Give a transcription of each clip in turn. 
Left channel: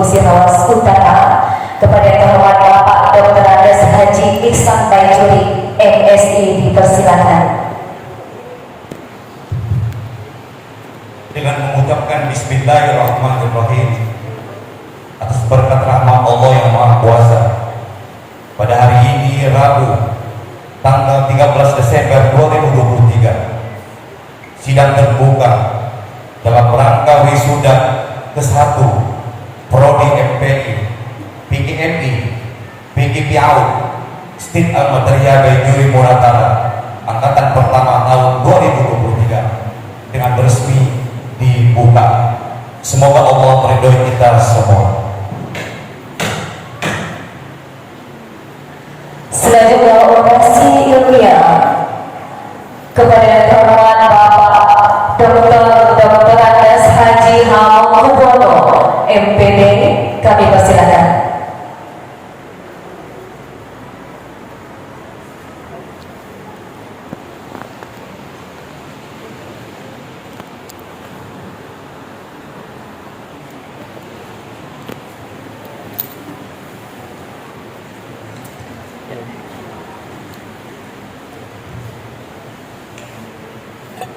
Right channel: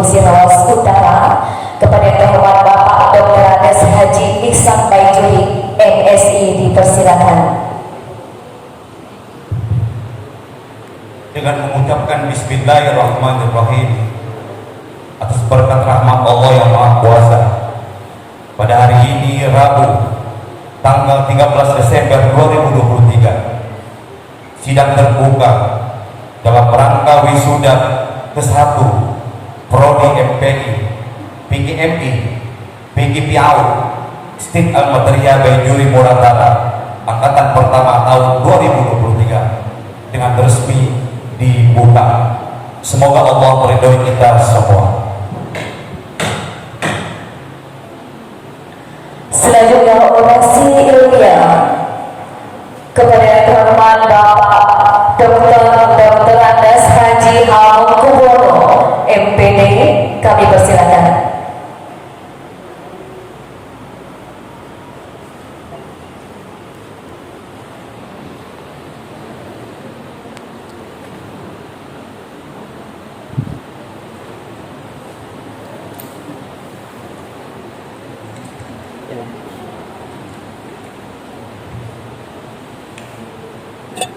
Pusirawas Utara, kepada yang terhormat Bapak Dr. Andes Haji Iksan Baijuri, MSI, dipersilakan. Dengan mengucapkan Bismillahirrahmanirrahim atas berkat rahmat Allah yang Maha Kuasa, pada hari ini Rabu tanggal 13 Desember 2023, sidang terbuka dalam rangka wisuda ke-1 Prodi MPI, PGMI, PGPAU, Stit Al-Materia Baijuri Muratara angkatan pertama tahun 2023 dengan resmi dibuka. Semoga Allah meridhoi kita semua. Selanjutnya orasi ilmiah kepada yang terhormat Bapak Dr. Andes Haji Hamkubono, MPD, kami persilakan.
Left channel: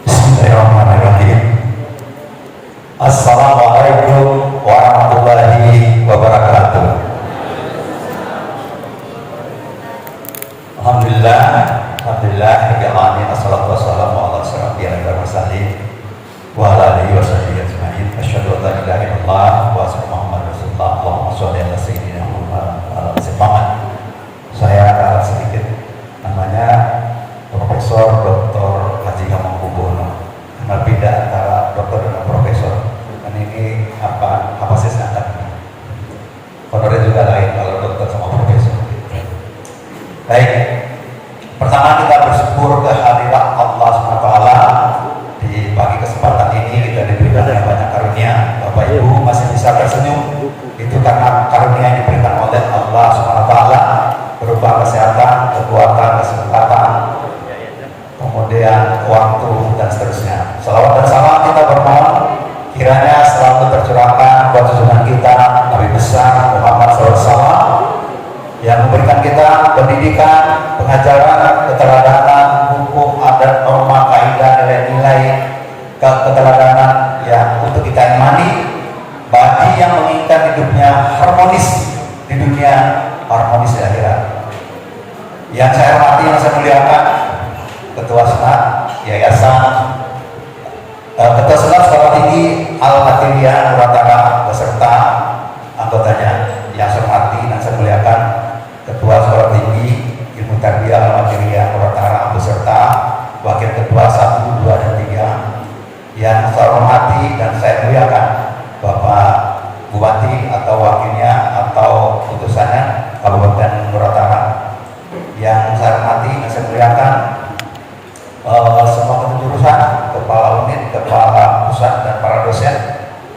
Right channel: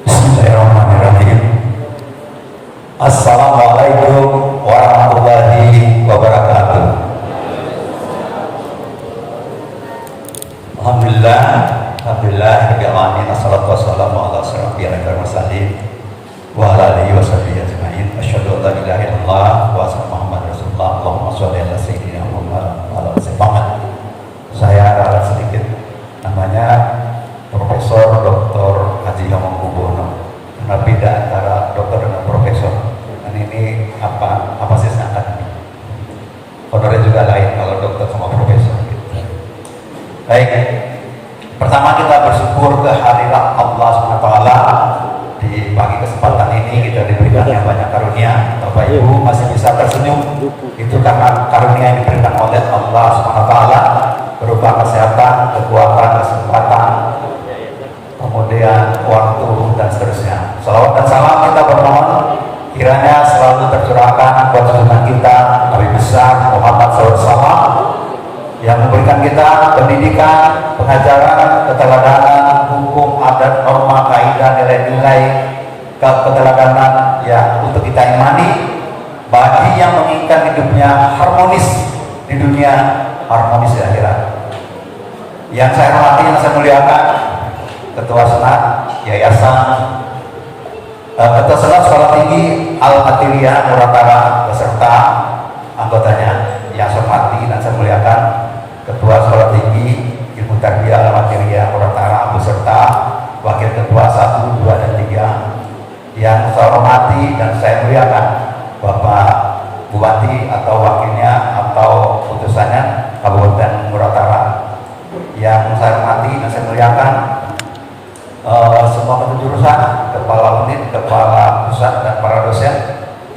Bismillahirrahmanirrahim. Assalamualaikum warahmatullahi wabarakatuh. Alhamdulillah alamin, assalatu wassalamu ala sayyidina wa ala alihi wa sahbihi ajma'in. Asyhadu an la ilaha illallah wa asyhadu Muhammadar Rasulullah. Allahumma shalli ala sayyidina Muhammad wa ala ali Muhammad. Saya ada sedikit, namanya Profesor Dr. Haji Hamkubono. Berbeda antara dokter dengan profesor. Dan ini apa sih singkatan? Honornya juga lain kalau dokter sama profesor. Baik, pertama kita bersyukur kehadirat Allah SWT di pagi kesempatan ini dan diberikan banyak karunia. Bapak Ibu masih bisa tersenyum, itu karena karunia yang diberikan oleh Allah SWT berupa kesehatan, kekuatan, kesempatan, kemudian waktu dan seterusnya. Salawat dan salam kita bermohon kiranya selalu tercurahkan buat junjungan kita Nabi besar Muhammad SAW yang memberikan kita pendidikan, pengajaran, keteladanan, hukum, adat, norma, kaidah, nilai-nilai keteladanan yang untuk kita imani bagi yang menginginkan hidupnya harmonis di dunia, harmonis di akhirat. Yang saya hormati, yang saya muliakan, Ketua Senat Yayasan Ketua Senat Sekolah Tinggi Al-Materia Muratara beserta anggotanya yang saya hormati dan saya muliakan, Ketua Sekolah Tinggi Ibu Tagia Al-Materia Muratara beserta Wakil Ketua 1, 2, dan 3 yang saya hormati dan saya muliakan, Bapak Bupati atau wakilnya atau putusannya Kabupaten Muratara yang saya hormati dan saya muliakan, semua kepengurusan, kepala unit, kepala pusat, dan para dosen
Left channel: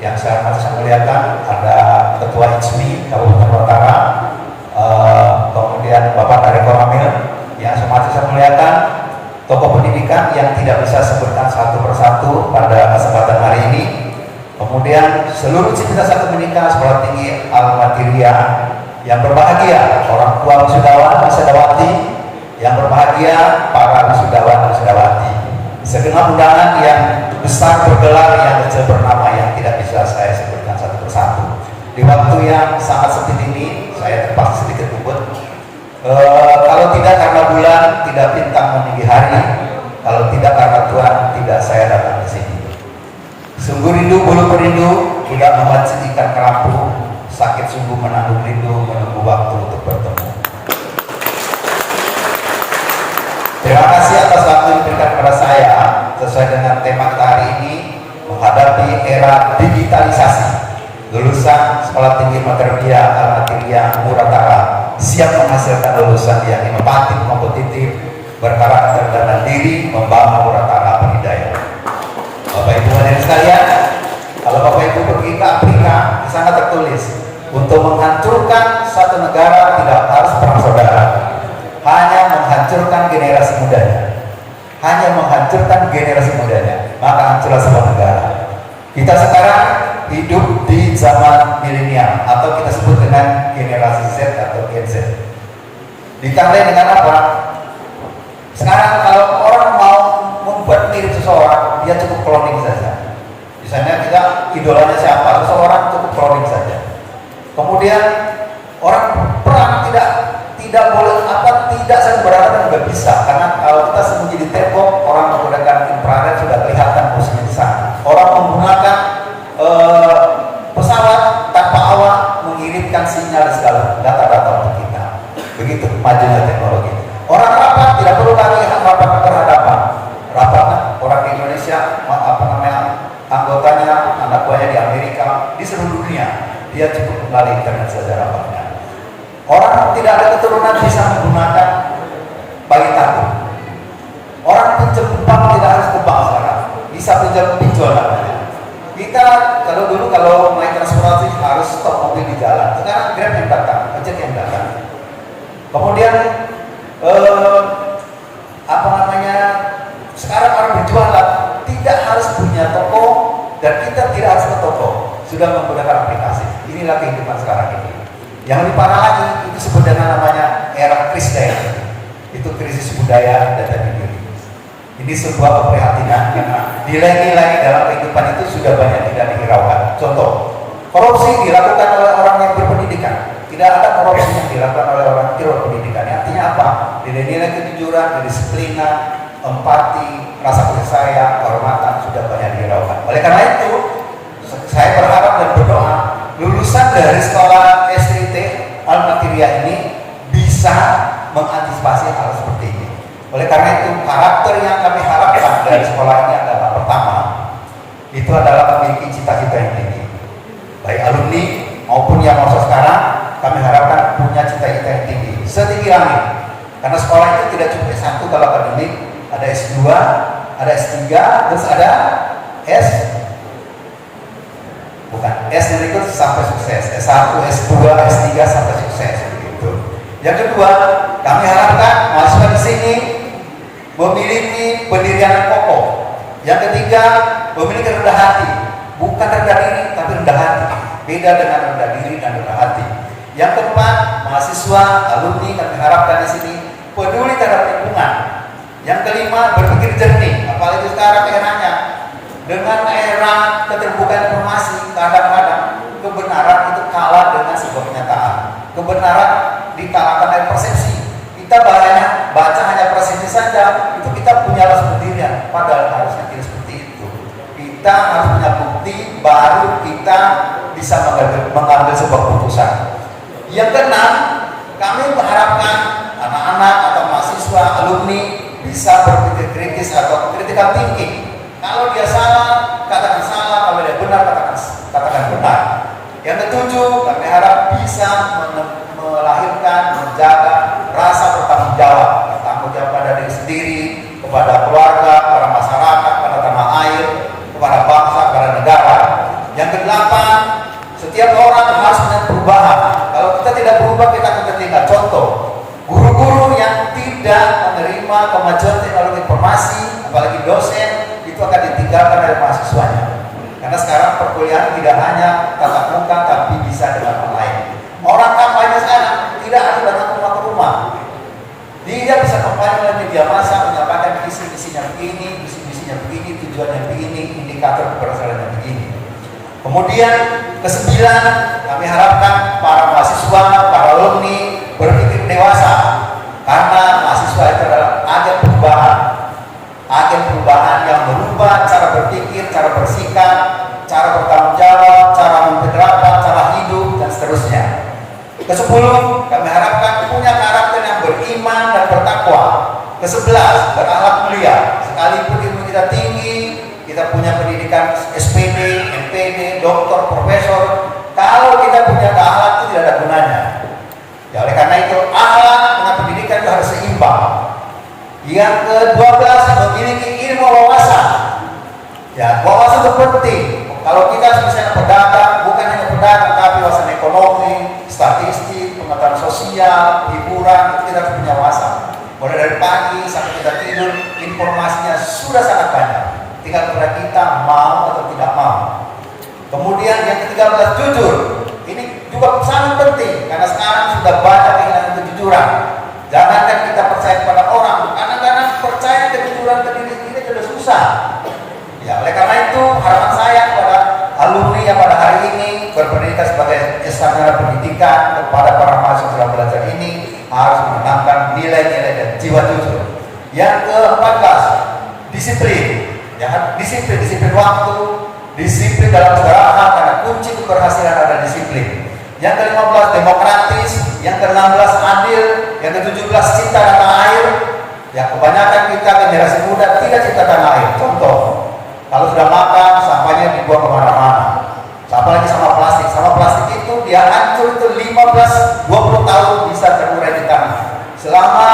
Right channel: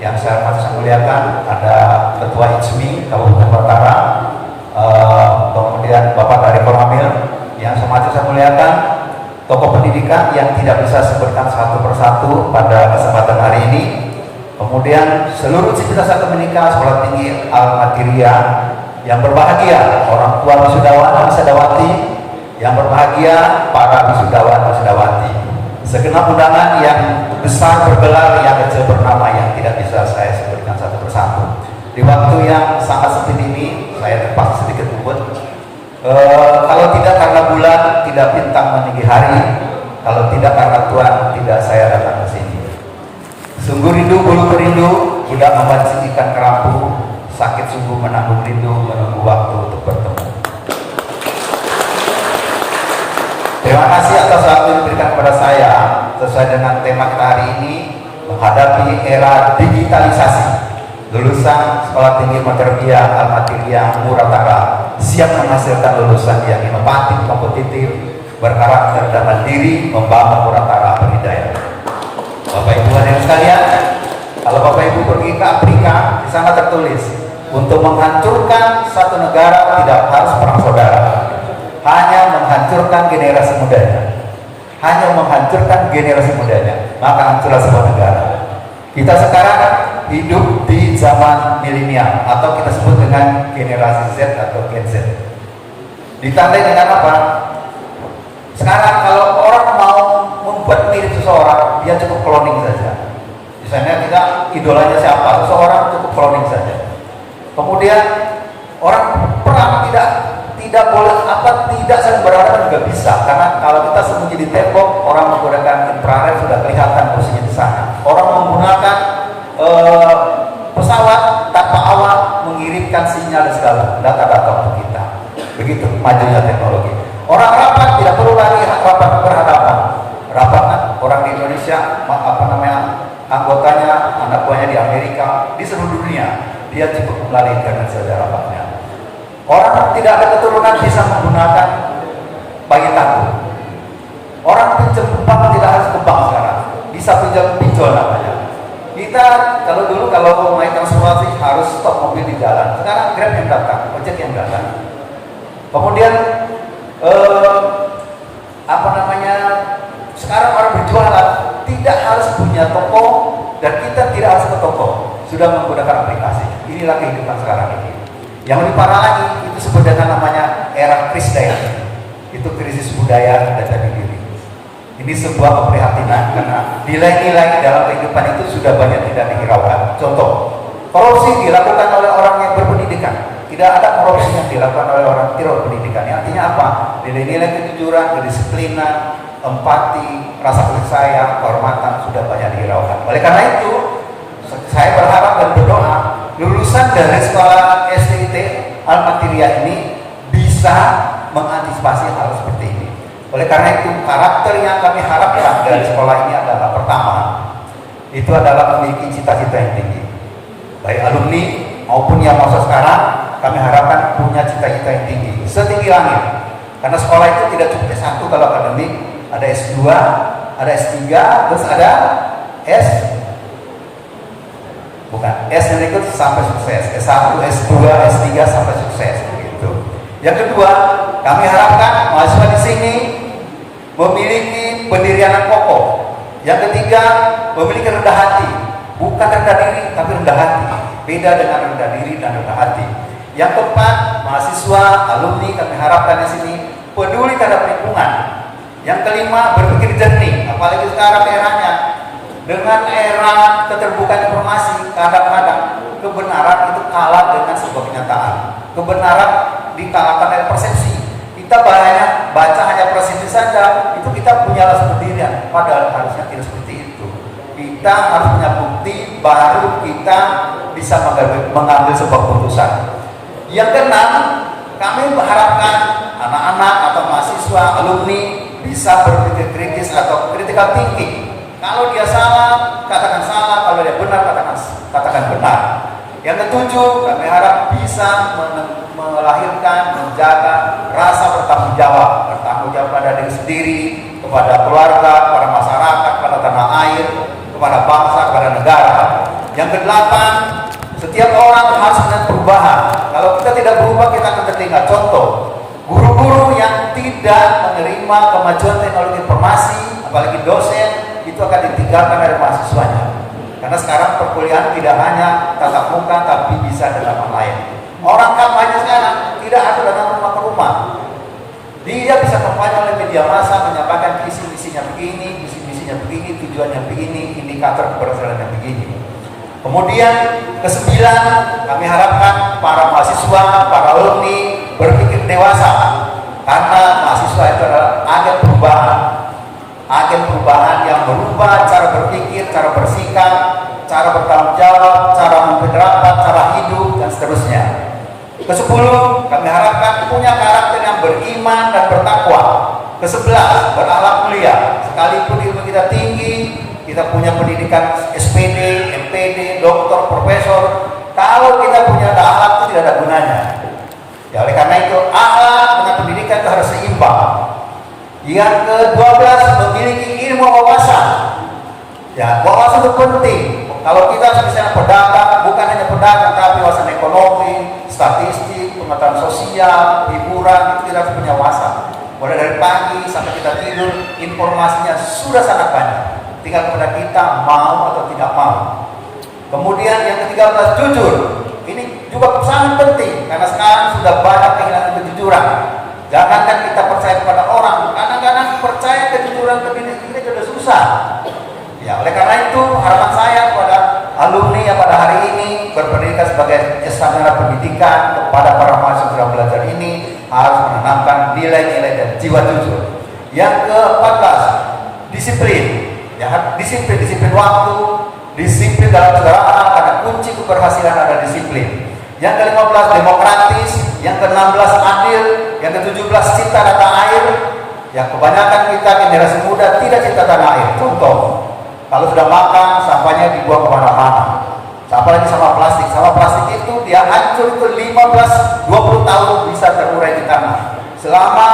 yang saya muliakan. Ada Ketua ICMI Kabupaten Muratara, kemudian Bapak Kadek Amil yang saya muliakan, tokoh pendidikan yang tidak bisa sebutkan satu persatu pada kesempatan hari ini, kemudian seluruh civitas akademika Sekolah Tinggi Al-Materia yang berbahagia, orang tua wisudawan, wisudawati yang berbahagia, para wisudawan dan wisudawati, segenap undangan yang besar bergelar, yang kecil bernama, yang tidak bisa saya sebutkan satu persatu. Di waktu yang sangat sempit ini, saya terpaksa sedikit ubud. Kalau tidak karena bulan, tidak bintang memilih hari, kalau tidak karena Tuhan, tidak saya datang ke sini. Sungguh rindu bulu perindu, tidak memancing ikan kerapu, sakit sungguh menanggung rindu, menunggu waktu untuk bertemu. Terima kasih atas waktu yang diberikan kepada saya sesuai dengan tema kita hari ini, menghadapi era digitalisasi. Lulusan Sekolah Tinggi Materia Al-Materia Muratara siap menghasilkan lulusan yang inovatif, kompetitif, berkarakter dan mandiri, membangun Muratara berdaya. Bapak Ibu hadirin sekalian, kalau Bapak Ibu pergi ke Afrika, di sana tertulis untuk menghancurkan satu negara tidak harus perang saudara, hanya menghancurkan generasi mudanya, maka hancurlah sebuah negara. Kita sekarang hidup di zaman milenial atau kita sebut dengan generasi Z atau Gen Z. Ditandai dengan apa? Sekarang kalau orang mau membuat mirip seseorang, dia cukup cloning saja. Misalnya kita idolanya siapa, seseorang cukup cloning saja. Kemudian orang perang tidak boleh tidak saling berhadapan juga bisa, karena kalau kita sembunyi di tembok, orang menggunakan infrared sudah kelihatan musuhnya di sana. Orang menggunakan pesawat tanpa awak mengirimkan sinyal segala data-data untuk kita. Begitu majunya teknologi. Orang rapat tidak perlu lagi rapat berhadapan. Rapat orang di Indonesia, anggotanya, anak buahnya di Amerika, di seluruh dunia, dia cukup kembali internet saja rapatnya. Orang tidak ada keturunan bisa menggunakan bayi tabung. Orang pinjam bank tidak harus ke bank sekarang, bisa pinjam pinjol namanya. Kita kalau naik transportasi harus stop mobil di jalan. Sekarang Grab yang datang, ojek yang datang. Kemudian sekarang orang berjualan tidak harus punya toko dan kita tidak harus ke toko, sudah menggunakan aplikasi. Inilah kehidupan sekarang ini. Yang lebih parah lagi itu sebenarnya namanya era krisis. Itu krisis budaya dan diri. Ini sebuah keprihatinan karena nilai-nilai dalam kehidupan itu sudah banyak tidak dihiraukan. Contoh, korupsi dilakukan oleh orang yang berpendidikan. Tidak ada korupsi yang dilakukan oleh orang tidak berpendidikan. Artinya apa? Nilai-nilai kejujuran, kedisiplinan, empati, rasa kasih sayang, kehormatan sudah banyak dihiraukan. Oleh karena itu, saya berharap dan berdoa lulusan dari sekolah SDT Al-Materia ini bisa mengantisipasi hal seperti ini. Oleh karena itu, karakter yang kami harapkan dari sekolah ini adalah pertama, itu adalah memiliki cita-cita yang tinggi. Baik alumni maupun yang masa sekarang, kami harapkan punya cita-cita yang tinggi, setinggi langit. Karena sekolah itu tidak cuma S1 kalau akademik, ada S2, ada S3, terus ada S itu sampai sukses, S1, S2, S3 sampai sukses begitu. Yang kedua, kami harapkan mahasiswa di sini memiliki pendirian kokoh. Yang ketiga, memiliki rendah hati, bukan rendah diri tapi rendah hati. Beda dengan rendah diri dan rendah hati. Yang keempat, mahasiswa, alumni kami harapkan di sini peduli terhadap lingkungan. Yang kelima, berpikir jernih, apalagi sekarang eranya dengan era keterbukaan informasi, kadang-kadang kebenaran itu kalah dengan sebuah kenyataan. Kebenaran dikalahkan dari persepsi. Kita baca hanya persepsi saja, itu kita punya rasa pendirian, padahal harusnya tidak seperti itu. Kita harus punya bukti, baru kita bisa mengambil sebuah keputusan. Yang keenam, kami mengharapkan anak-anak atau mahasiswa, alumni bisa berpikir kritis atau critical thinking. Kalau dia salah, katakan salah. Kalau dia benar, katakan benar. Yang ketujuh, kami harap bisa melahirkan, menjaga rasa bertanggung jawab pada diri sendiri, kepada keluarga, kepada masyarakat, kepada tanah air, kepada bangsa, kepada negara. Yang kedelapan, setiap orang harus punya perubahan. Kalau kita tidak berubah, kita akan tertinggal. Contoh, guru-guru yang tidak menerima kemajuan teknologi informasi, apalagi dosen, itu akan ditinggalkan dari mahasiswanya. Karena sekarang perkuliahan tidak hanya tatap muka, tapi bisa dengan online. Orang kampanye sekarang tidak harus datang rumah ke rumah. Dia bisa kampanye oleh media massa, menyampaikan visi-misinya begini, misi-misinya begini, tujuannya begini, indikator keberhasilannya begini. Kemudian kesembilan, kami harapkan para mahasiswa, para alumni berpikir dewasa. Karena mahasiswa itu adalah agen perubahan yang merubah cara berpikir, cara bersikap, cara bertanggung jawab, cara memperlakukan, cara hidup, dan seterusnya. Kesepuluh, kami harapkan punya karakter yang beriman dan bertakwa. Kesebelas, berakhlak mulia. Sekalipun ilmu kita tinggi, kita punya pendidikan SPD, MPD, doktor, profesor, kalau kita punya akhlak itu tidak ada gunanya. Ya, oleh karena itu akhlak dengan pendidikan itu harus seimbang. Yang ke-12, memiliki ilmu wawasan. Ya, wawasan itu penting. Kalau kita misalnya pedagang, bukan hanya pedagang, tapi wawasan ekonomi, statistik, pengetahuan sosial, hiburan, itu kita harus punya wawasan. Mulai dari pagi sampai kita tidur, informasinya sudah sangat banyak. Tinggal kepada kita mau atau tidak mau. Kemudian yang ke-13, jujur. Ini juga sangat penting karena sekarang sudah banyak kehilangan kejujuran. Jangankan kita percaya kepada orang, kadang-kadang percaya kejujuran ke diri kita sudah susah. Ya, oleh karena itu harapan saya kepada alumni yang pada hari ini berpendidikan sebagai sarjana pendidikan, kepada para mahasiswa belajar ini harus menanamkan nilai-nilai dan jiwa jujur. Yang ke-14, disiplin. Ya, disiplin waktu, disiplin dalam segala hal, karena kunci keberhasilan ada disiplin. Yang ke-15, demokratis. Yang ke-16, adil. Yang ke-17, cinta tanah air. Ya, kebanyakan kita generasi muda tidak cinta tanah air. Contoh, kalau sudah makan, sampahnya dibuang kemana-mana. Apalagi sama plastik. Sama plastik itu dia hancur itu 15-20 tahun bisa terurai di tanah. Selama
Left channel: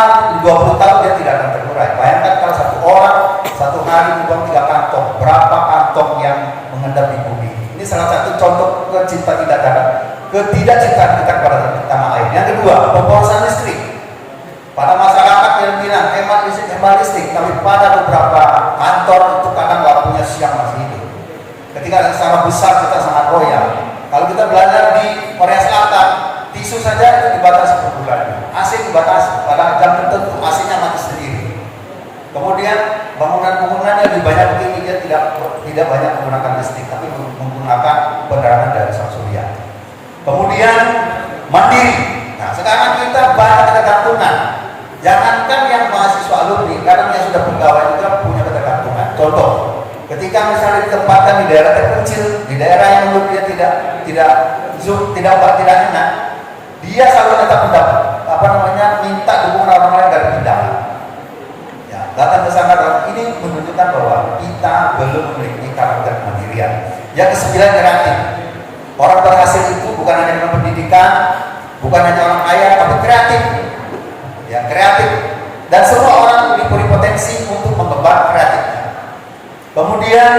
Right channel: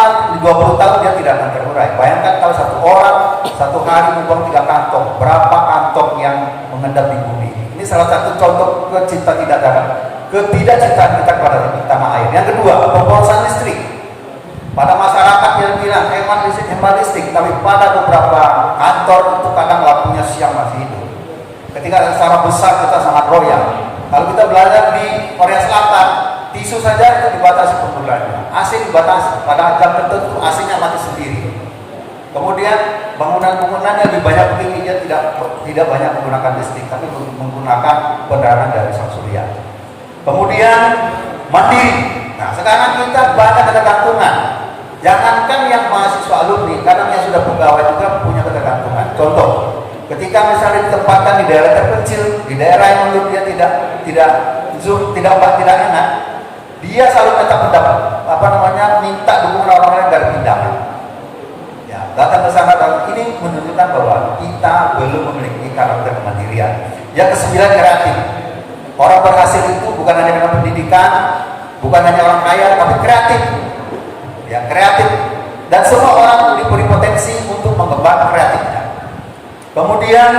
20 tahun dia tidak akan terurai. Bayangkan kalau satu orang satu hari membuang 3 kantong, berapa kantong yang mengendap di bumi. Ini salah satu contoh ketidakcintaan kita kepada tanah air. Yang kedua, pemborosan listrik. Pada masyarakat yang bilang hemat listrik, tapi pada beberapa kantor itu kadang lampunya siang masih hidup. Ketika ada skala besar kita sangat royal. Kalau kita belajar di Korea Selatan, tisu saja itu dibatasi per bulannya, AC dibatasi, kadang jam tertentu AC-nya mati sendiri. Kemudian bangunan-bangunannya lebih banyak tinggi, dia tidak banyak menggunakan listrik, tapi menggunakan penerangan dari sang surya. Kemudian mandiri. Nah, sekarang kita banyak ketergantungan. Jangankan yang mahasiswa alumni, kadang yang sudah pegawai juga punya ketergantungan. Contoh, ketika misalnya ditempatkan di daerah terpencil, di daerah yang menurut dia tidak enak, dia selalu minta dukungan orang lain dari pindahan. Ya, datang ke sana, ini menunjukkan bahwa kita belum memiliki karakter kemandirian. Yang ke-9, kreatif. Orang berhasil itu bukan hanya dengan pendidikan, bukan hanya orang kaya, tapi kreatif. Ya, kreatif. Dan semua orang memiliki potensi untuk mengembangkan kreatifnya. Kemudian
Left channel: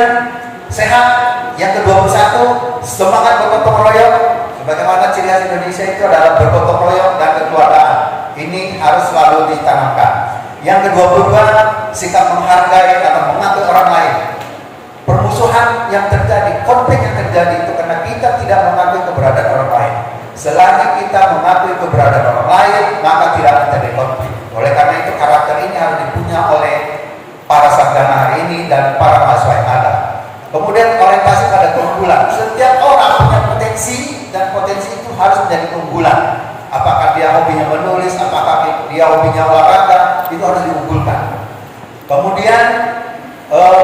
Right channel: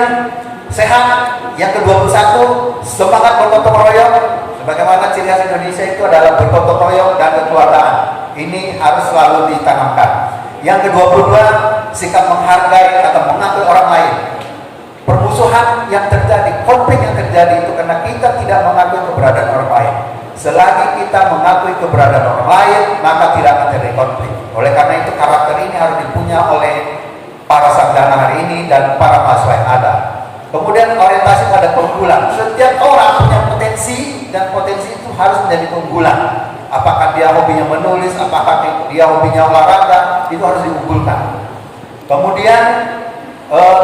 sehat. Yang ke-21, semangat bergotong royong. Sebagaimana ciri khas Indonesia itu adalah bergotong royong dan kekeluargaan. Ini harus selalu ditanamkan. Yang ke-22, sikap menghargai atau mengakui orang lain. Permusuhan yang terjadi, konflik yang terjadi itu karena kita tidak mengakui keberadaan orang lain. Selagi kita mengakui keberadaan orang lain, maka tidak akan terjadi konflik. Oleh karena itu karakter ini harus dipunya oleh para sarjana hari ini dan para mahasiswa yang ada. Kemudian orientasi pada keunggulan. Setiap orang punya potensi dan potensi itu harus menjadi keunggulan. Apakah dia hobinya menulis, apakah dia hobinya olahraga, itu harus diunggulkan. Kemudian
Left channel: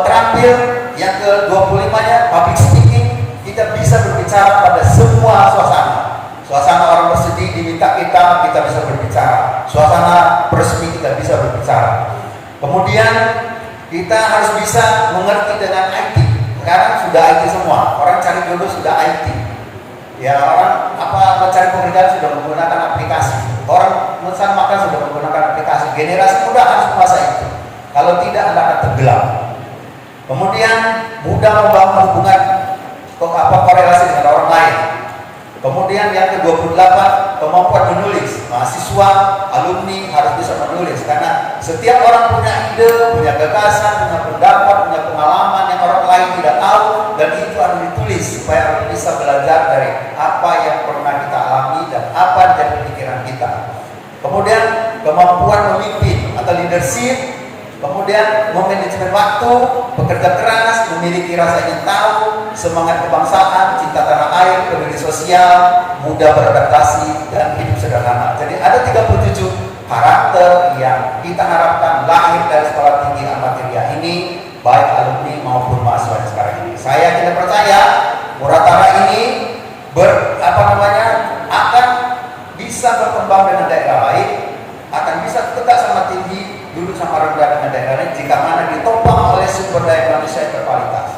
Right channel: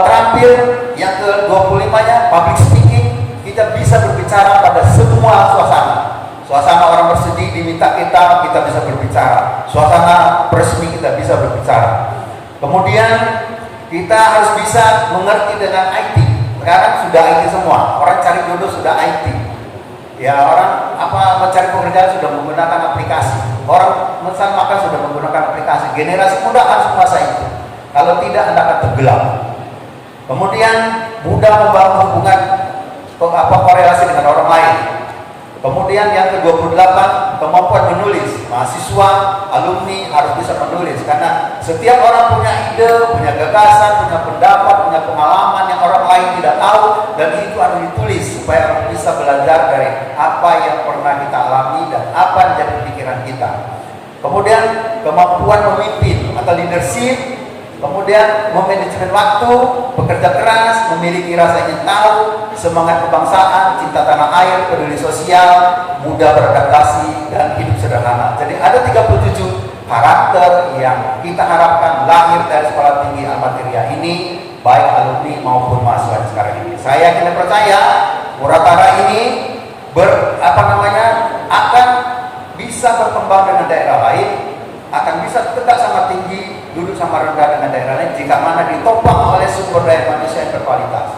terampil yang ke-25-nya public speaking. Kita bisa berbicara pada semua suasana. Suasana orang bersedih diminta kita bisa berbicara. Suasana resmi kita bisa berbicara. Kemudian kita harus bisa mengerti dengan IT. Sekarang sudah IT semua. Orang cari jodoh sudah IT. Ya, orang mencari pekerjaan sudah menggunakan aplikasi. Orang mencari makan sudah menggunakan aplikasi. Generasi muda harus menguasai itu. Kalau tidak, Anda akan tenggelam. Kemudian mudah membangun hubungan korelasi dengan orang lain. Kemudian yang ke-28, kemampuan menulis. Mahasiswa, alumni harus bisa menulis karena setiap orang punya ide, punya gagasan, punya pendapat, punya pengalaman yang orang lain tidak tahu, dan itu harus ditulis supaya orang bisa belajar dari apa yang pernah kita alami dan apa yang jadi pikiran kita. Kemudian kemampuan memimpin atau leadership. Kemudian memanajemen waktu, bekerja keras, memiliki rasa ingin tahu, semangat kebangsaan, cinta tanah air, peduli sosial, mudah beradaptasi, dan hidup sederhana. Jadi ada 37 karakter yang kita harapkan lahir dari sekolah tinggi Ahmad Riyad ini, baik alumni maupun mahasiswa sekarang ini. Saya tidak percaya Muratara ini akan bisa berkembang dengan daerah lain, akan bisa tegak sama tinggi, duduk sama rendah dengan daerah lain jika mana ditopang oleh sumber daya manusia yang berkualitas.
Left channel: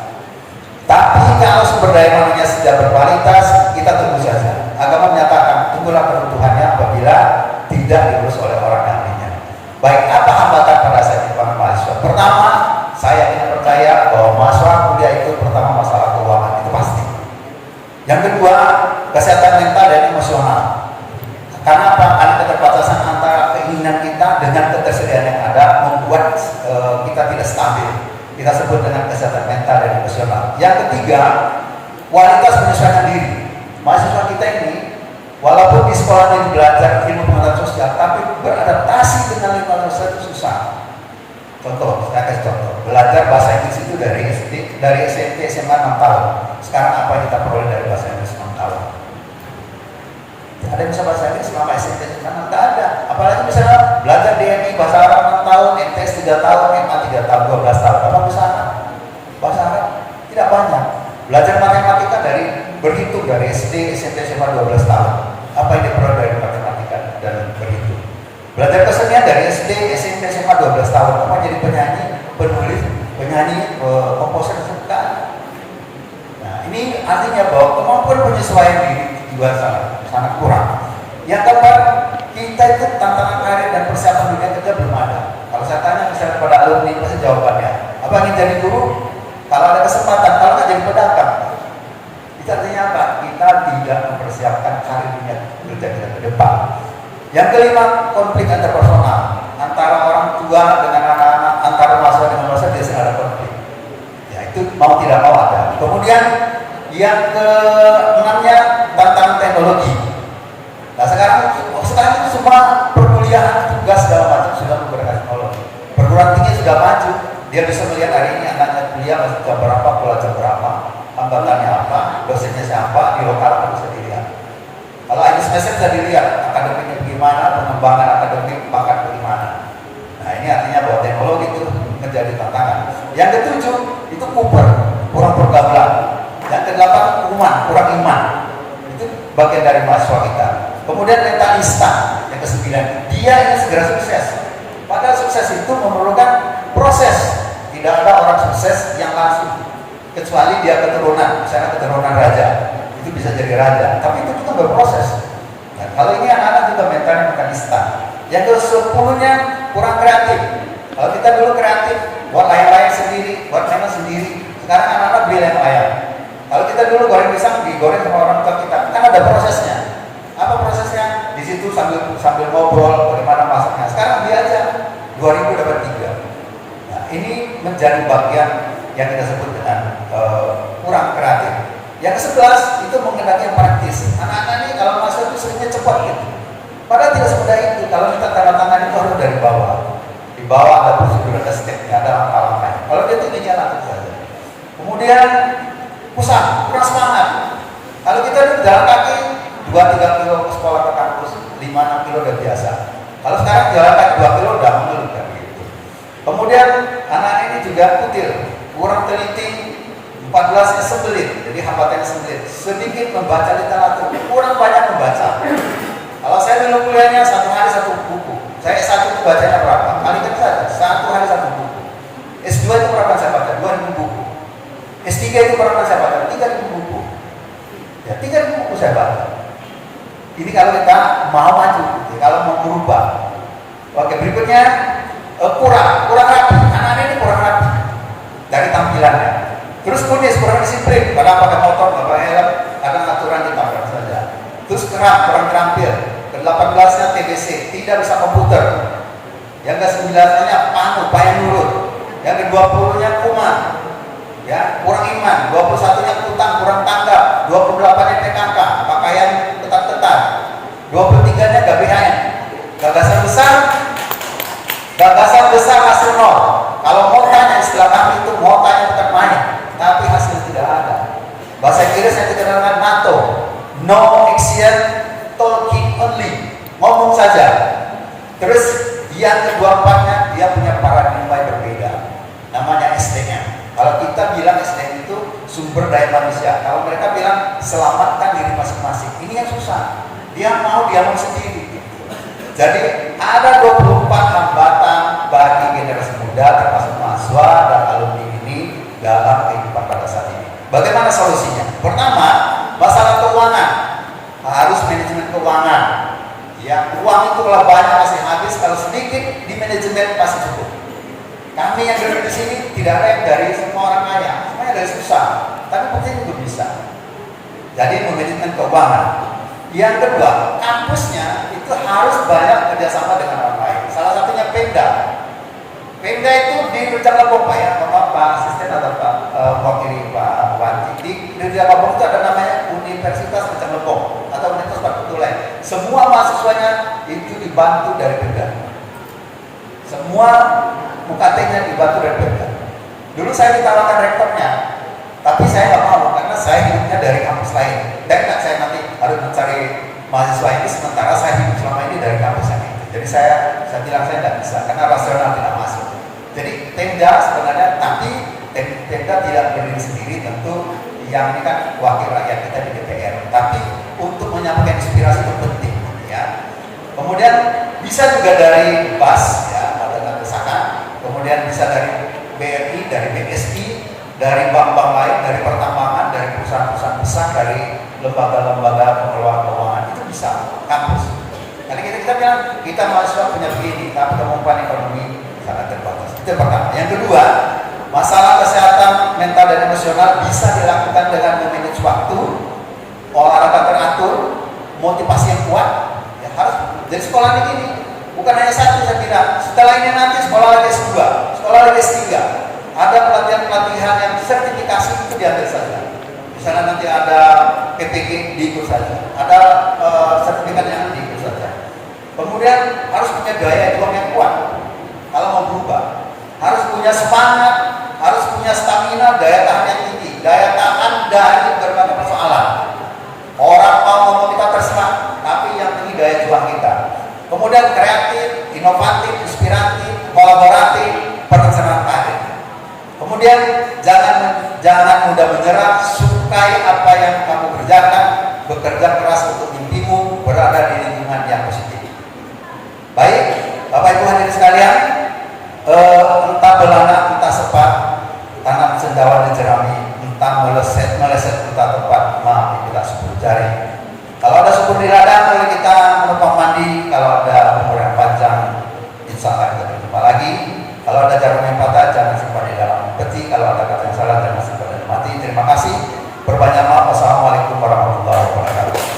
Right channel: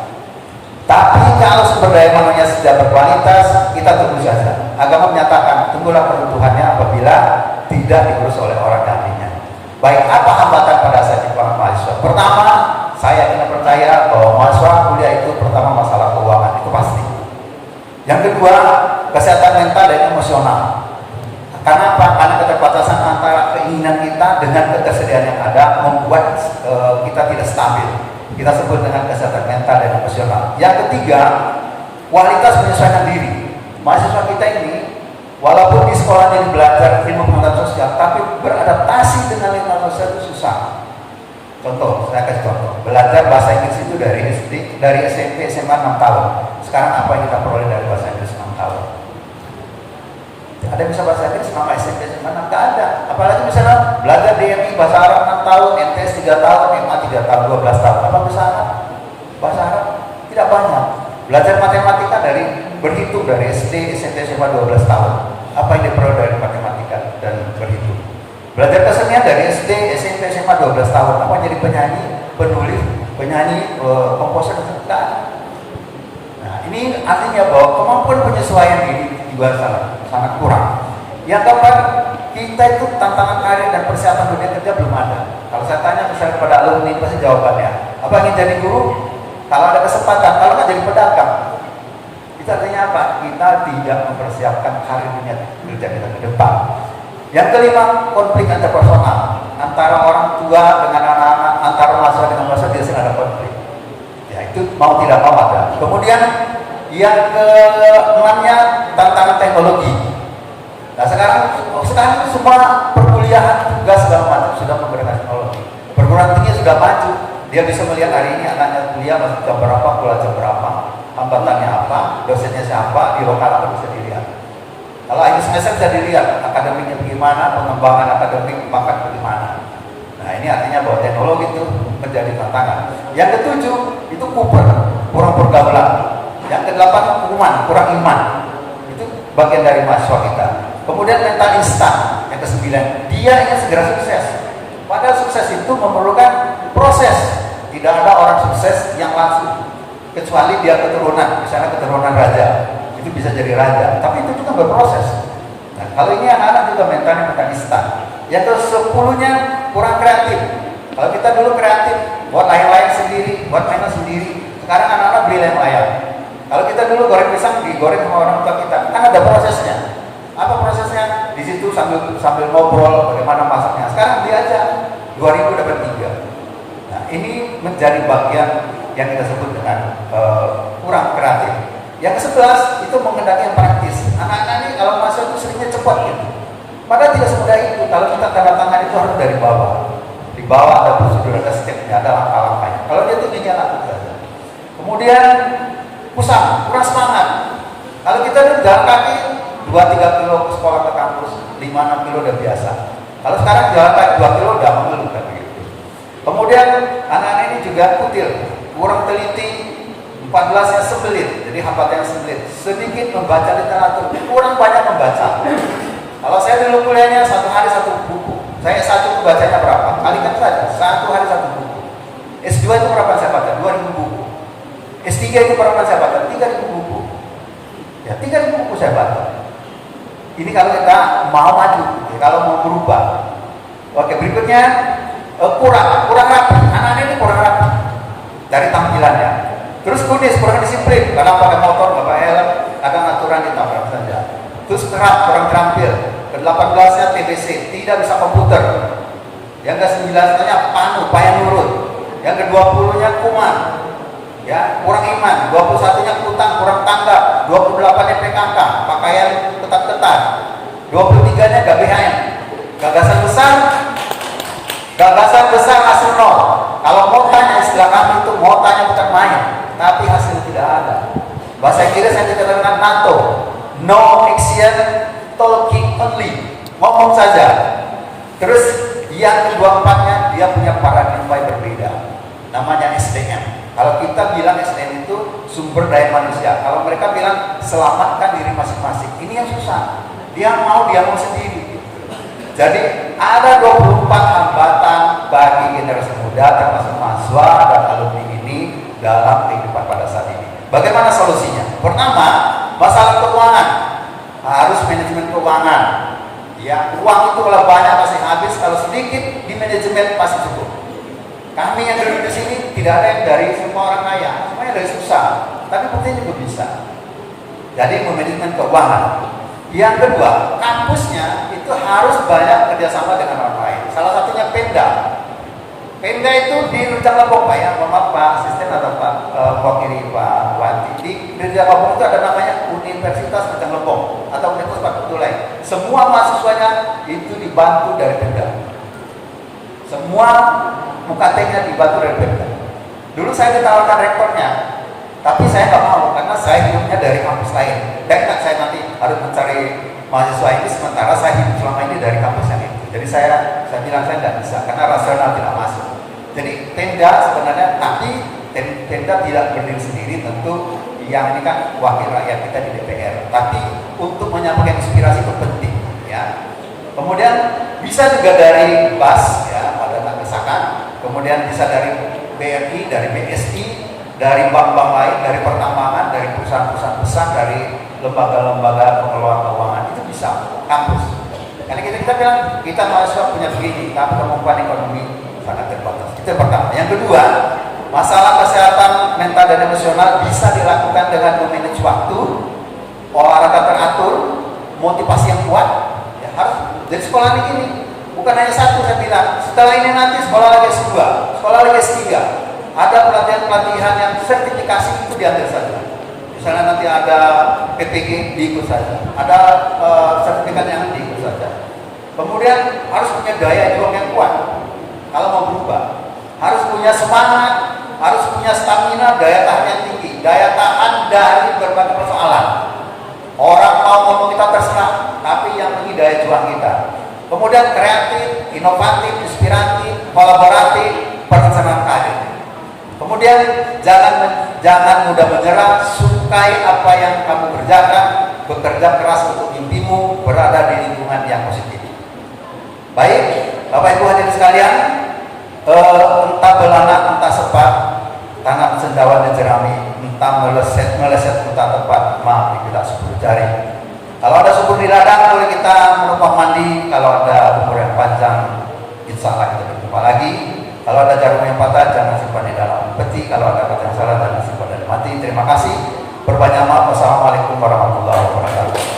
Tapi kalau sumber daya manusia tidak berkualitas, kita tunggu saja. Agama menyatakan tunggulah peruntuhannya apabila tidak diurus oleh orang ahlinya. Baik, apa hambatan pada saat para mahasiswa? Pertama, saya tidak percaya bahwa mahasiswa muda itu pertama masalah keuangan, itu pasti. Yang kedua, kesehatan mental dan emosional. Karena apa? Karena keterbatasan antara keinginan kita dengan ketersediaan yang ada membuat kita tidak stabil. Kita sebut dengan kesehatan mental dan emosional. Yang ketiga, kualitas menyesuaikan diri. Mahasiswa kita ini walaupun di sekolah ini belajar ilmu pengetahuan sosial, tapi beradaptasi dengan lingkungan sosial itu susah. Contoh, saya kasih contoh. Belajar bahasa Inggris itu dari SMP, SMA 6 tahun. Sekarang apa yang kita peroleh dari bahasa Inggris 6 tahun? Ada yang bisa bahasa Inggris selama SMP, SMA 6? Nggak ada. Apalagi misalnya belajar DMI bahasa Arab 6 tahun, MTS 3 tahun, MA 3 tahun, 12 tahun. Apa bisa bahasa Arab? Tidak banyak. Belajar matematika dari berhitung dari SD, SMP, SMA 12 tahun. Apa yang diperoleh dari matematika dan berhitung? Belajar kesenian dari SD, SMP, SMA 12 tahun. Apa jadi penyanyi, penulis, penyanyi, komposer, dan nah, ini artinya bahwa kemampuan penyesuaian diri juga sangat kurang. Yang keempat, kita itu tantangan karir dan persiapan dunia kerja belum ada. Kalau saya tanya misalnya kepada alumni, pasti jawabannya, apa ingin jadi guru? Kalau ada kesempatan, kalau nggak jadi pedagang. Itu artinya apa? Kita tidak mempersiapkan karir dunia kerja kita ke depan. Yang kelima, konflik interpersonal antara orang tua dengan anak-anak, antara mahasiswa dengan mahasiswa biasanya ada konflik. Ya itu mau tidak mau ada. Kemudian yang keenamnya tantangan teknologi. Nah sekarang itu semua perkuliahan tugas segala macam sudah menggunakan teknologi. Perguruan tinggi sudah maju. Dia bisa melihat hari ini anaknya kuliah masuk jam berapa, pulang jam berapa, hambatannya apa, dosennya siapa, di lokal apa bisa dilihat. Kalau ini semester bisa dilihat akademiknya bagaimana, pengembangan akademik bakat bagaimana. Nah ini artinya bahwa teknologi itu menjadi tantangan. Yang ketujuh itu kurang pergaulan. Yang kedelapan hukuman, kurang iman. Itu bagian dari mahasiswa kita. Kemudian mental instan. Yang kesembilan, dia ingin segera sukses. Padahal sukses itu memerlukan proses. Tidak ada orang sukses yang langsung. Kecuali dia keturunan, misalnya keturunan raja. Itu bisa jadi raja, tapi itu kita berproses. Nah, kalau ini anak-anak juga mentalnya instan. Yang ke-10-nya kurang kreatif. Kalau kita dulu kreatif, buat layang-layang sendiri, buat mainan sendiri. Sekarang anak-anak beli layang-layang. Kalau kita dulu goreng pisang, digoreng sama orang tua kita, kan ada prosesnya. Apa prosesnya? Di situ sambil ngobrol bagaimana masaknya. Sekarang dia aja 2000 dapat 3. Nah, ini menjadi bagian yang kita sebut dengan kurang kreatif. Yang ke-11 itu mengendaki yang praktis. Anak-anak ini kalau masuk itu sebenarnya cepat gitu. Padahal tidak semudah itu. Kalau kita tanda tangan itu harus dari bawah. Di bawah ada prosedur, ada step-nya, ada langkah-langkahnya. Kalau dia itu jalan itu saja. Kemudian pusat, kurang semangat. Kalau kita itu jalan kaki 2-3 kilo ke sekolah ke kampus, 5-6 kilo udah biasa. Kalau sekarang jalan kaki 2 kilo udah mengeluh kan gitu. Kemudian anak-anak ini juga kutil, kurang teliti. 14-nya sembelit, jadi hambatannya sembelit. Sedikit membaca literatur, kurang banyak membaca. Kalau saya dulu kuliahnya 1 hari 1 buku. Saya S1 itu bacanya berapa? Kalikan saja, 1 hari 1 buku. S2 itu berapa saya baca? 2000 buku. S3 itu berapa saya baca? 3000 buku. Ya, 3000 buku saya baca. Ini kalau kita mau maju, kalau mau berubah. Oke, berikutnya kurang rapi. Anak-anak ini kurang rapi dari tampilannya. Terus tulis kurang disiplin, kadang pakai motor, nggak pakai helm, kadang aturan ditabrak saja. Terus kerap, kurang terampil. Ke-18-nya TDC, tidak bisa komputer. Yang ke-19-nya panu, payah nurut. Yang ke-20-nya kuman, ya kurang iman. 21-nya utang, kurang tanggap. 28-nya PKK, pakaian ketat-ketat. 23-nya GBHN. Gagasan besar hasil nol. Kalau mau tanya istilah kami itu mau tanya bukan main, tapi hasilnya tidak ada. Bahasa Inggris yang dikenal dengan NATO, no action, talking only, ngomong saja. Terus yang ke-24-nya dia punya paradigma yang berbeda, namanya SDM. Kalau kita bilang SDM itu sumber daya manusia, kalau mereka bilang selamatkan diri masing-masing. Ini yang susah. Dia mau sendiri. Jadi ada 24 hambatan bagi generasi muda termasuk mahasiswa dan alumni ini dalam kehidupan pada saat ini. Bagaimana solusinya? Pertama, masalah keuangan. Harus manajemen keuangan. Ya, uang itu kalau banyak pasti habis, kalau sedikit di manajemen pasti cukup. Kami yang berada di sini tidak ada yang dari semua orang kaya, semuanya dari susah. Tapi penting itu bisa. Jadi manajemen keuangan. Yang kedua, kampusnya itu harus banyak kerjasama dengan orang lain. Salah satunya Pemda. Pemda itu di Rujak Lebong Pak ya, mohon maaf Pak Asisten atau Pak Wakil Pak Wati. Di Rujak Lebong itu ada namanya Universitas Rujak Lebong atau Universitas Patutulai. Semua mahasiswanya itu dibantu dari Pemda. Semua UKT-nya dibantu dari Pemda. Dulu saya ditawarkan rektornya, tapi saya nggak mau karena saya hidupnya dari kampus lain. Dan saya nanti harus mencari mahasiswa ini sementara saya hidup selama ini dari kampus yang ini. Jadi saya bilang saya tidak bisa karena rasional tidak masuk. Jadi Pemda sebenarnya nanti Pemda tidak berdiri sendiri, tentu yang ini kan wakil rakyat kita di DPR. Tapi untuk menyampaikan inspirasi itu penting ya. Kemudian bisa juga dari BAS ya, Badan Kesakan. Kemudian bisa dari BRI, dari BSI, dari bank-bank lain, dari pertambangan, dari perusahaan-perusahaan besar, dari lembaga-lembaga pengelola keuangan itu bisa kampus. Jadi kita bilang kita mahasiswa punya begini, tapi kemampuan ekonomi sangat terbatas. Itu yang pertama. Yang kedua, masalah kesehatan mental dan emosional bisa dilakukan dengan memanage waktu, olahraga teratur, motivasi yang kuat. Ya, harus. Jadi sekolah ini bukan hanya satu saya bilang. Setelah ini nanti sekolah lagi S2, sekolah lagi S3. Ada pelatihan-pelatihan yang sertifikasi itu diambil saja. Misalnya nanti ada PPG diikut saja, ada sertifikat yang diikut saja. Kemudian harus punya daya juang yang kuat. Kalau mau berubah, harus punya semangat, harus punya stamina, daya tahan yang tinggi, daya tahan dari berbagai persoalan. Orang mau ngomong kita terserah, tapi yang penting daya juang kita. Kemudian kreatif, inovatif, inspiratif, kolaboratif, perencanaan karir. Kemudian jangan mudah menyerah, sukai apa yang kamu kerjakan, bekerja keras untuk mimpimu, berada di lingkungan yang positif. Baik, Bapak Ibu hadirin sekalian, entah belana, entah sepat, tanam sendawa di jerami, entah meleset entah tepat, maaf tidak 10 jari. Kalau ada subur di ladang, boleh kita menumpang mandi. Kalau ada umur yang panjang, insya Allah kita berjumpa lagi. Kalau ada jarum yang patah, jangan simpan di dalam peti. Kalau ada kata yang salah, jangan simpan di mati. Terima kasih. Berbanyak maaf. Wassalamualaikum warahmatullahi wabarakatuh.